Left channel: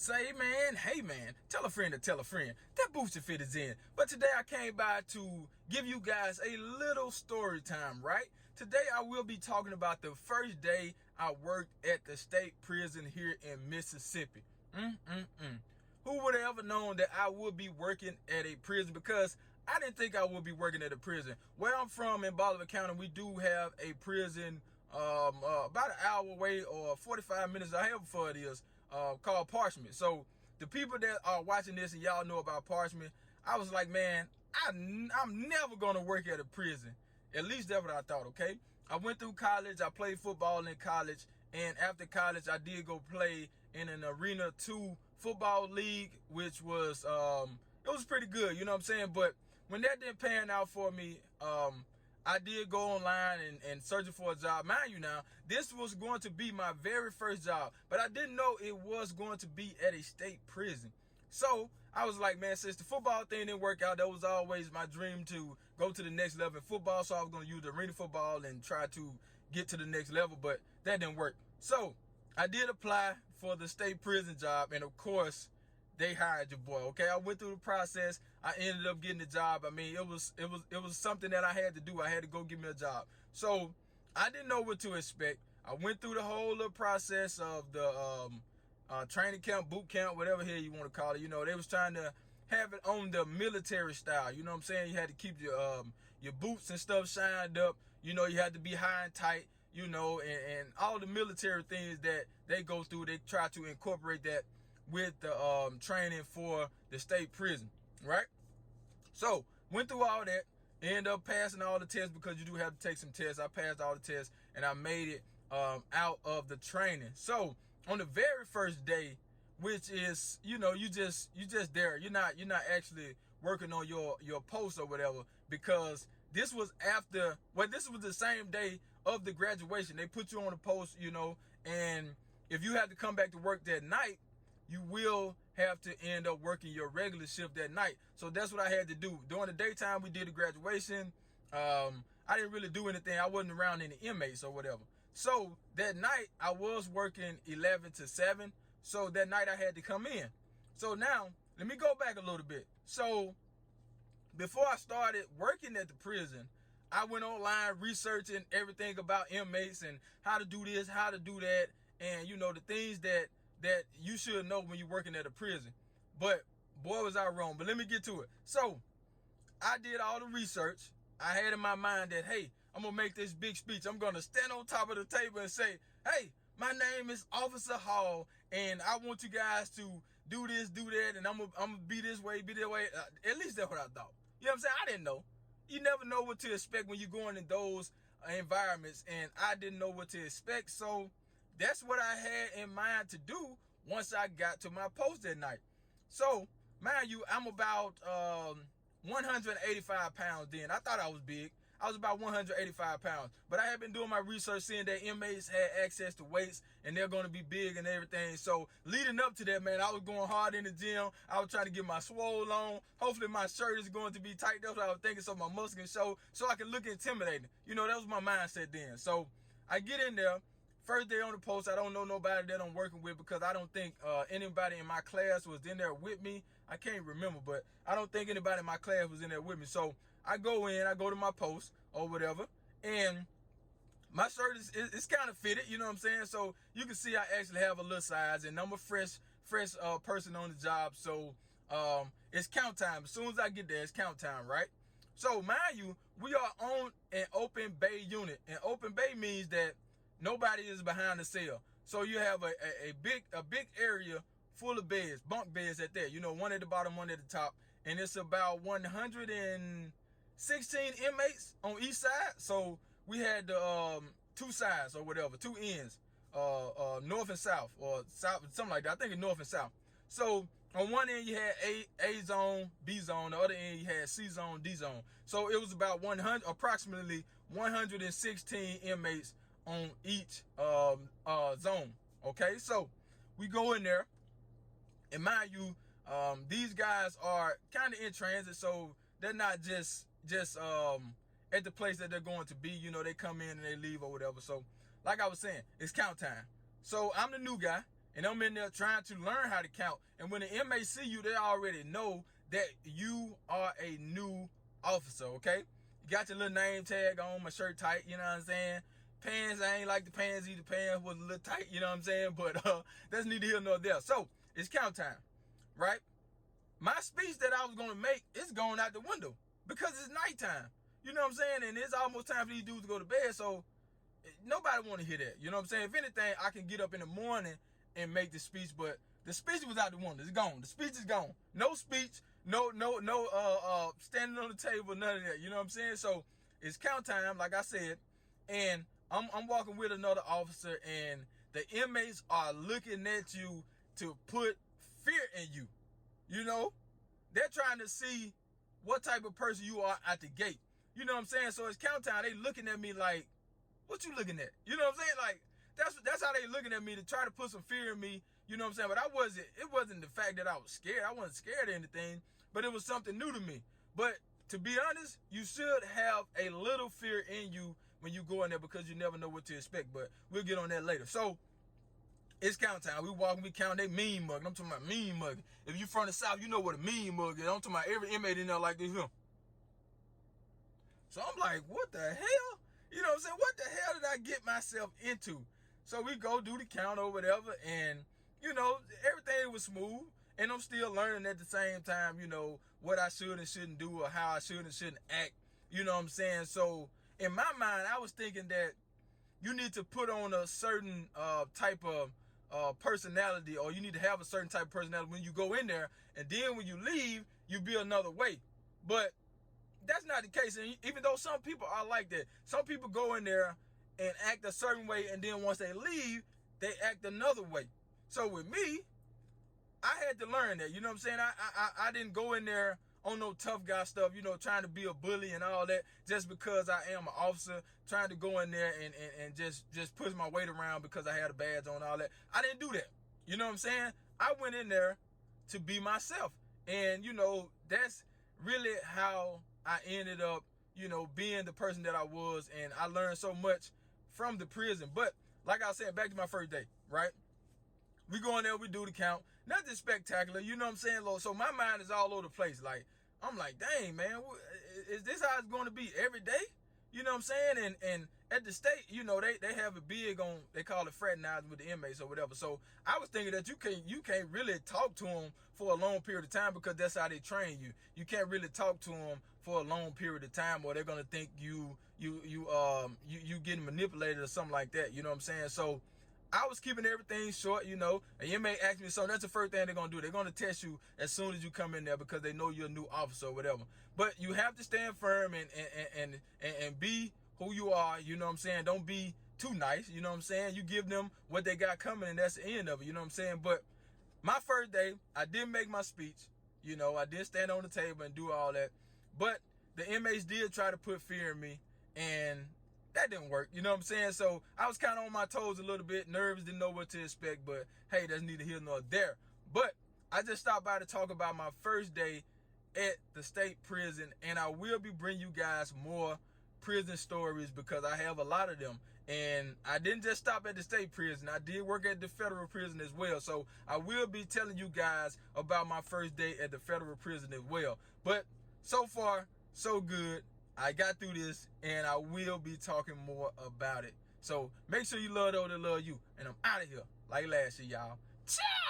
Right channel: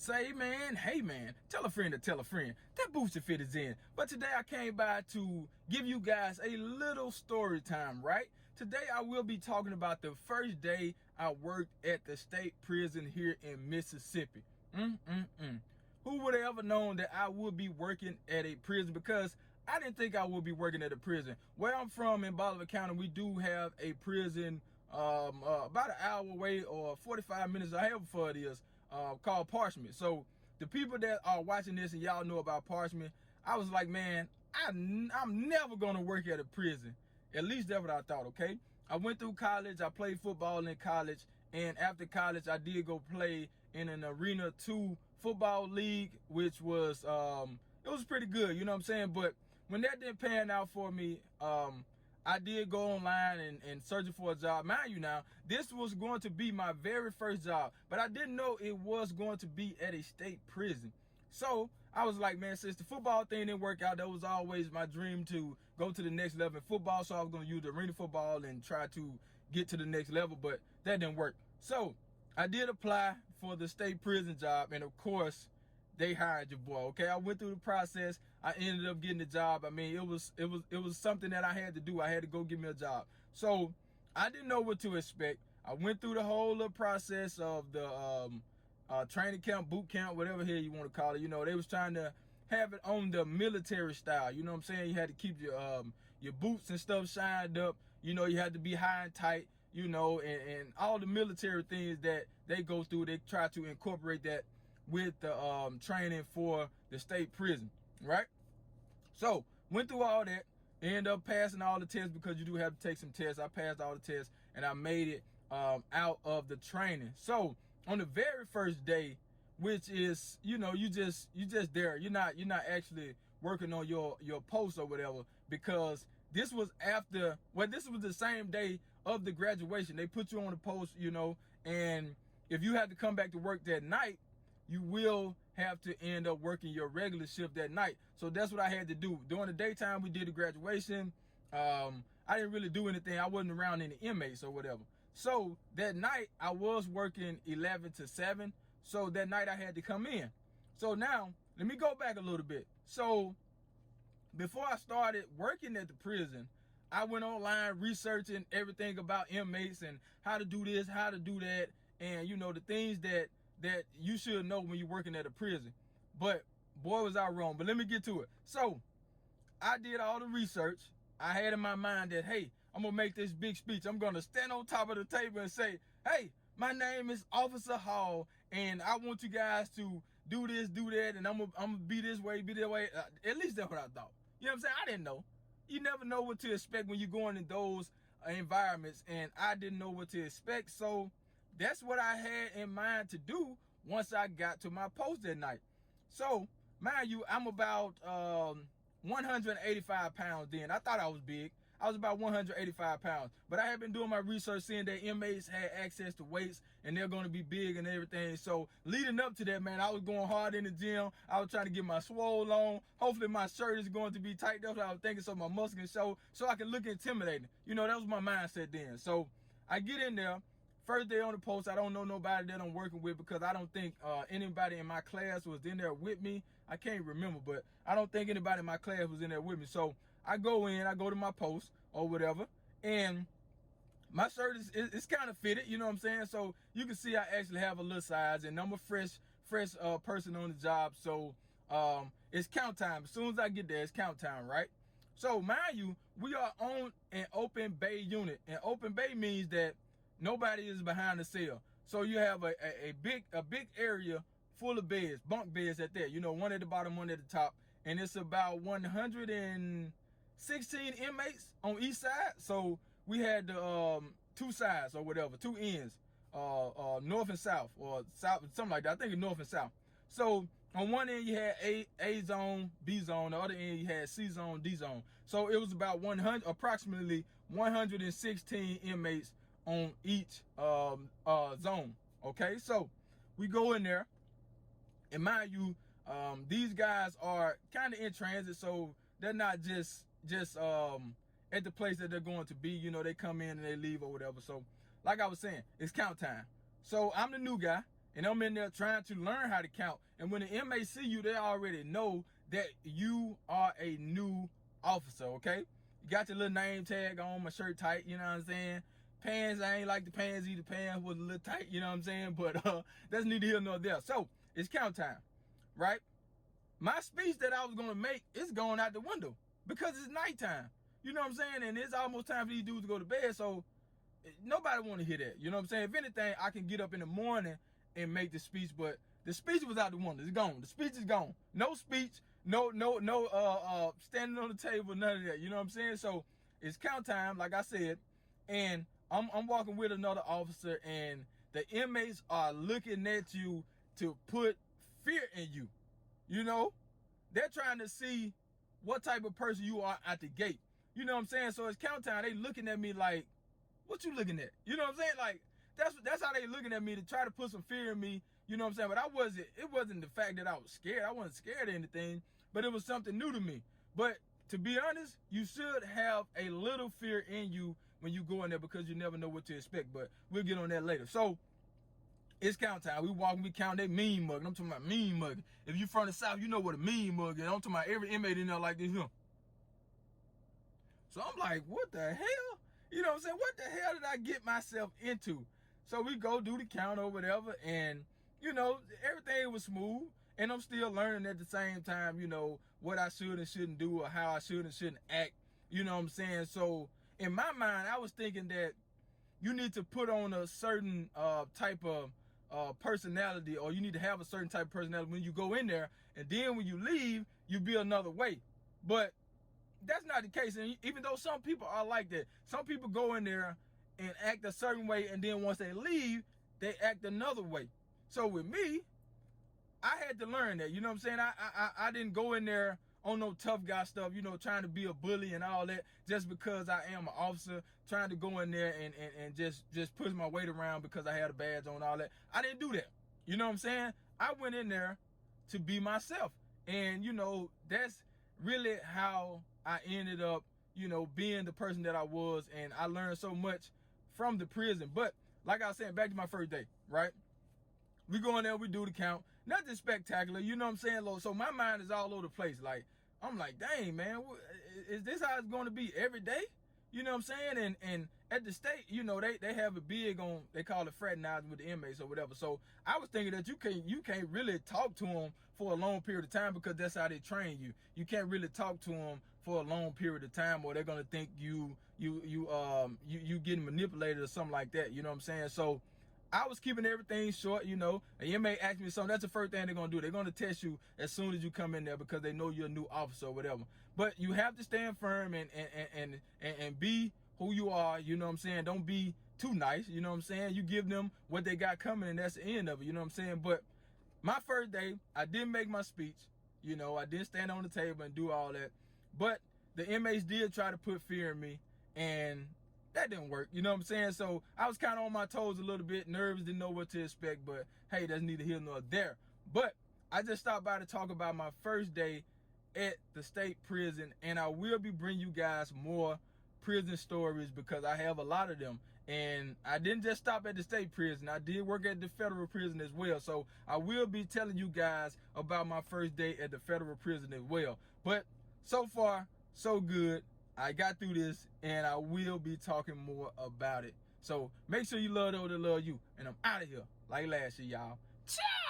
Say man, hey man, tell a friend to tell a friend. That Booster Fit is in. But today I came by to give you guys a little story time, right? Today I will be talking about the first day I worked at the state prison here in Mississippi. Who would have ever known that I would be working at a prison? Because I didn't think I would be working at a prison. Where I'm from in Bolivar County, we do have a prison about an hour away or 45 minutes, or however far it is, called Parchment. So the people that are watching this and y'all know about Parchment, I was like, man, I'm never gonna work at a prison. At least that's what I thought. Okay, I went through college, I played football in college, and after college I did go play in an Arena 2 football league, which was it was pretty good, you know what I'm saying? But when that didn't pan out for me, I did go online and searching for a job. Mind you now, this was going to be my very first job, but I didn't know it was going to be at a state prison. So I was like, man, since the football thing didn't work out, that was always my dream to go to the next level in football. So I was going to use the arena football and try to get to the next level, but that didn't work. So I did apply for the state prison job, and of course, they hired your boy. Okay, I went through the process. I ended up getting the job. I mean, it was something that I had to do. I had to go get me a job. So I didn't know what to expect. I went through the whole little process of the training camp, boot camp, whatever here you want to call it. You know, they was trying to have it on the military style. You know what I'm saying? You had to keep your boots and stuff shined up. You know, you had to be high and tight. You know, and all the military things that they go through. They try to incorporate that with the training for the state prison, right? So went through all that, ended up passing all the tests, because you do have to take some tests. I passed all the tests and I made it out of the training. So on the very first day, which is, you know, you just there, you're not actually working on your post or whatever, because this was after, well, this was the same day of the graduation. They put you on the post, you know, and if you have to come back to work that night, you will have to end up working your regular shift that night. So that's what I had to do. During the daytime, we did the graduation. I didn't really do anything. I wasn't around any inmates or whatever. So that night, I was working 11 to 7. So that night, I had to come in. So now, let me go back a little bit. So before I started working at the prison, I went online researching everything about inmates and how to do this, how to do that, and, you know, the things that you should know when you're working at a prison. But boy, was I wrong. But let me get to it. So I did all the research. I had in my mind that, hey, I'm going to make this big speech. I'm going to stand on top of the table and say, hey, my name is Officer Hall, and I want you guys to do this, do that, and I'm gonna be this way, be that way. At least that's what I thought. You know what I'm saying? I didn't know. You never know what to expect when you're going in those environments, and I didn't know what to expect. So that's what I had in mind to do once I got to my post that night. So, mind you, I'm about 185 pounds then. I thought I was big. I was about 185 pounds. But I had been doing my research, seeing that inmates had access to weights and they're going to be big and everything. So, leading up to that, man, I was going hard in the gym. I was trying to get my swole on. Hopefully, my shirt is going to be tight. That's what I was thinking, so my muscles can show, so I can look intimidating. You know, that was my mindset then. So, I get in there. First day on the post, I don't know nobody that I'm working with, because I don't think anybody in my class was in there with me. I can't remember, but I don't think anybody in my class was in there with me. So I go to my post or whatever, and my shirt is kind of fitted, you know what I'm saying? So you can see I actually have a little size, and I'm a fresh person on the job. So it's count time. As soon as I get there, it's count time, right? So mind you, we are on an open bay unit, and open bay means that nobody is behind the cell. So you have a big area full of beds, bunk beds at that. You know, one at the bottom, one at the top. And it's about 116 inmates on each side. So we had the two sides or whatever, two ends, north and south, or south, something like that. I think it's north and south. So on one end you had A zone, B zone. The other end you had C zone, D zone. So it was about approximately 116 inmates on each zone. Okay, so we go in there, and mind you, these guys are kind of in transit, so they're not just at the place that they're going to be. You know, they come in and they leave or whatever. So like I was saying, it's count time. So I'm the new guy, And I'm in there trying to learn how to count. And when the inmates see you, they already know that you are a new officer, okay? You got your little name tag on, my shirt tight, you know what I'm saying? Pants, I ain't like the pants either. Pants was a little tight, you know what I'm saying? But that's neither here nor there. So, it's count time, right? My speech that I was going to make is going out the window because it's nighttime. You know what I'm saying? And it's almost time for these dudes to go to bed, so nobody want to hear that. You know what I'm saying? If anything, I can get up in the morning and make the speech, but the speech was out the window. It's gone. The speech is gone. No speech, no standing on the table, none of that. You know what I'm saying? So it's count time, like I said, and I'm walking with another officer, and the inmates are looking at you to put fear in you. You know, they're trying to see what type of person you are at the gate. You know what I'm saying? So it's count time. They looking at me like, what you looking at? You know what I'm saying? Like, that's how they looking at me, to try to put some fear in me. You know what I'm saying? But it wasn't the fact that I was scared. I wasn't scared of anything, but it was something new to me. But to be honest, you should have a little fear in you when you go in there, because you never know what to expect. But we'll get on that later. So it's count time. We walking, we count. They mean mugging. I'm talking about mean mugging. If you from the South, you know what a mean mug is. I'm talking about every inmate in there like this here. So I'm like, what the hell? You know what I'm saying? What the hell did I get myself into? So we go do the count or whatever, and, you know, everything was smooth. And I'm still learning at the same time, you know, what I should and shouldn't do, or how I should and shouldn't act. You know what I'm saying? So in my mind, I was thinking that you need to put on a certain type of personality, or you need to have a certain type of personality when you go in there, and then when you leave, you be another way. But that's not the case. And even though some people are like that, some people go in there and act a certain way, and then once they leave, they act another way. So with me, I had to learn that. You know what I'm saying? I didn't go in there on no tough guy stuff, you know, trying to be a bully and all that, just because I am an officer, trying to go in there and just push my weight around because I had a badge on, all that. I didn't do that. You know what I'm saying? I went in there to be myself. And, you know, that's really how I ended up, you know, being the person that I was. And I learned so much from the prison. But like I said, back to my first day, right? We go in there, we do the count. Nothing spectacular, you know what I'm saying? So my mind is all over the place. Like, I'm like, dang, man, is this how it's going to be every day? You know what I'm saying? And at the state, you know, they have a big on, they call it fraternizing with the inmates or whatever. So I was thinking that you can't really talk to them for a long period of time, because that's how they train you. You can't really talk to them for a long period of time, or they're gonna think you getting manipulated or something like that. You know what I'm saying? So I was keeping everything short, you know. An inmate asked me something. That's the first thing they're going to do. They're going to test you as soon as you come in there, because they know you're a new officer or whatever. But you have to stand firm and be who you are, you know what I'm saying? Don't be too nice, you know what I'm saying? You give them what they got coming, and that's the end of it, you know what I'm saying? But my first day, I didn't make my speech. You know, I didn't stand on the table and do all that. But the inmates did try to put fear in me, and that didn't work, you know what I'm saying? So I was kind of on my toes a little bit, nervous, didn't know what to expect, but hey, that's neither here nor there. But I just stopped by to talk about my first day at the state prison, and I will be bringing you guys more prison stories, because I have a lot of them. And I didn't just stop at the state prison, I did work at the federal prison as well. So I will be telling you guys about my first day at the federal prison as well. But so far, so good. I got through this, and I will be talking more about it. So make sure you love those that love you. And I'm out of here like last year, y'all. Ciao!